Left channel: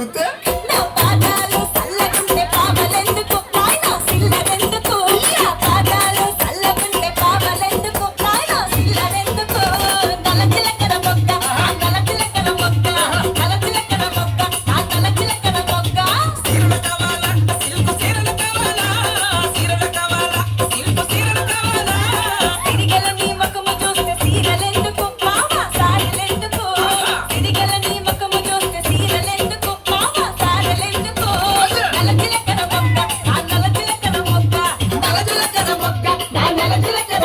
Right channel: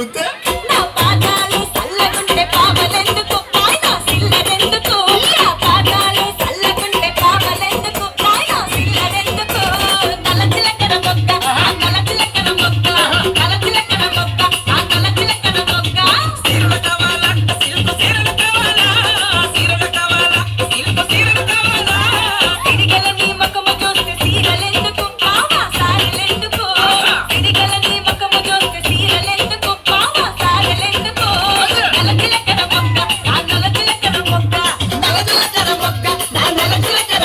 తగ్గుతే నా పాదాలు చల్లకుంటే పావలెందుకు నాయనా సిల్లరెందుకు నా పాదాలు చల్లకుంటే పావలెందుకు నాయనా సిల్లరెందుకు గలచిలకర మొక్క గలచిలకర మొక్క గలచిలకర మొక్క గలచిలకర మొక్క సీరలు కావాలా సిల్క్ సీరలు కావాలా సీరలు కావాలా సిల్క్ సీరలు కావాలా సిరిగల నీ ముఖము చూస్తే సీరలెందుకు మావా సారెలెందుకు సిరిగల నీ ముఖము చూస్తే సీరలెందుకు మావా సారెలెందుకు గలచిలకర మొక్క గలచిలకర మొక్క గలచిలకర మొక్క గలచిలకర